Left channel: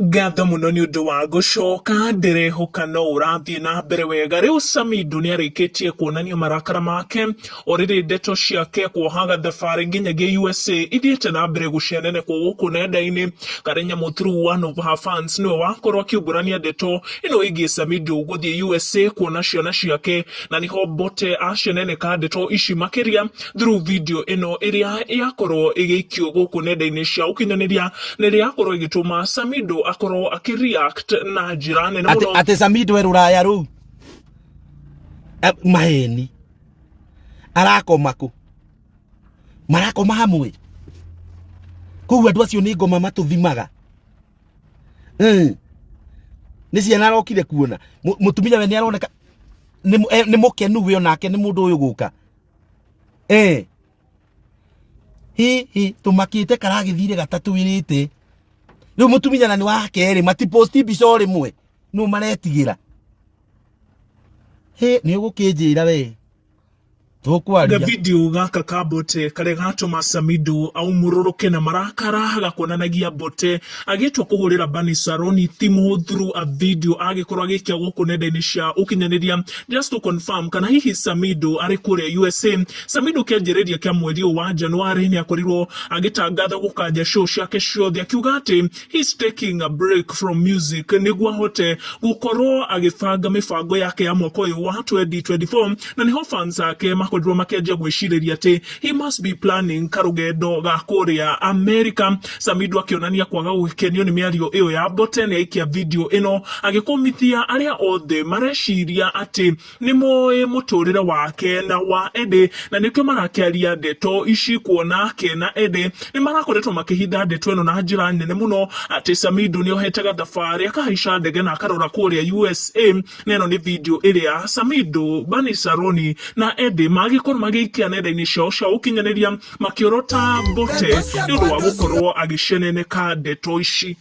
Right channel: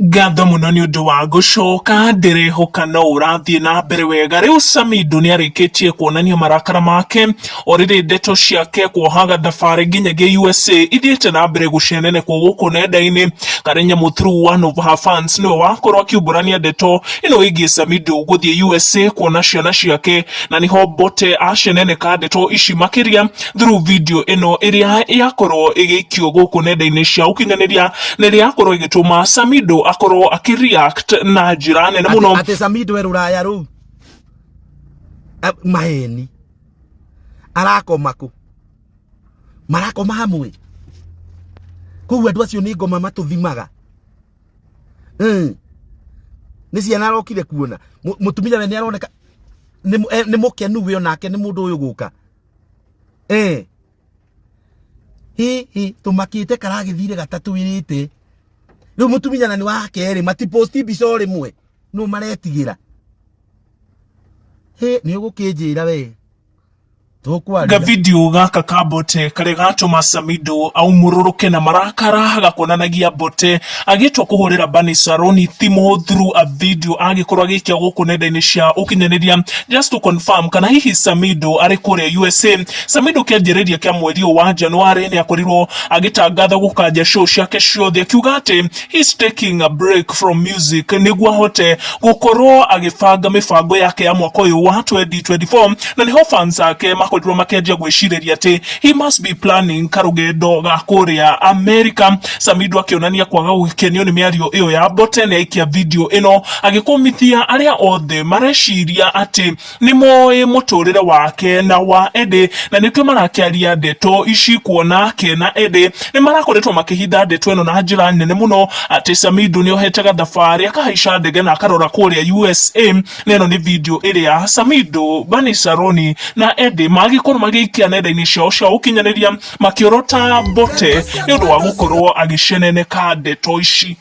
Gatho muno ni undu wa gucoka ndirehoka no urathie na mbere wega. Riu Samidoh ni arikitie kuonania marakara make oriri ndeto ciake kuohaga thabari nginyagia USA ithiete na mbere gucenene kwa guku nenda-ini. Karenya muthuru one of her fans niwe wakorwo akiumburania ndeto ino igie Samidoh guthie USA kuona ciana ciake, na niho Mbote aceneneka ndeto ici makiria through video ino iria yakorwo igikio guku nenda-ini cia ukinyaniria na iria yakorwo igituma Samidoh akorwo akireact na njira nene muno. Ate Samidoh ruraya ru maheni arakoma ku marakoma hamwe kuwa andu acio ni ngoma matuthimaga ni ciana arokire kuona mutumia we ni aroneka ni mukenu we onake ni mundu uyu guka hi tumakite karagithire gatatu wirite riu mutumia na ni wake ri matiposti bico rimwe no maretigira ni ugukinjira we ga video gaka ka Mbote kare gatuma Samidoh aumururuke na marakara gakonanagia Mbote agitwa kuhurira Bani Saroni thimo through a video agikorwo agikia guku nenda-ini cia ukinyaniria just to confirm kana hihi Samidoh ari kuria USA. Samidoh kianjiriria kia mweri wa Januari ni akorirwo agitangatha gukanja show ciake ciothe akiuga ati he's taking a break from music niguo ahote gukorwo agibanga mibango yake ya mwaka uyu wa 2024, na niho fans ake makorirwo makendia gwiciriria ati he must be planning karugendo ga kuria America. Samidoh akionania kwaga gukenio ni miario iyo ya Mbote na ikia video ino agikomithia aria othe mareciria ati ni moe muturire wake na wa Ede, na nitwe marakiaria ndeto ici kuona ke na Ede ni marakoretwo makihitha ndeto ino na njira nene muno ati Samidoh ni ohetaga thabari akahaica ndege na akarora kuria USA. Neno ni video iria Samidoh, Bani Saroni na Ede magikorwo magiikia nenda-ini ciao cia ukinyaniria makiorota Mbote ni undu wa gukorwo agiceneneka ndeto ici.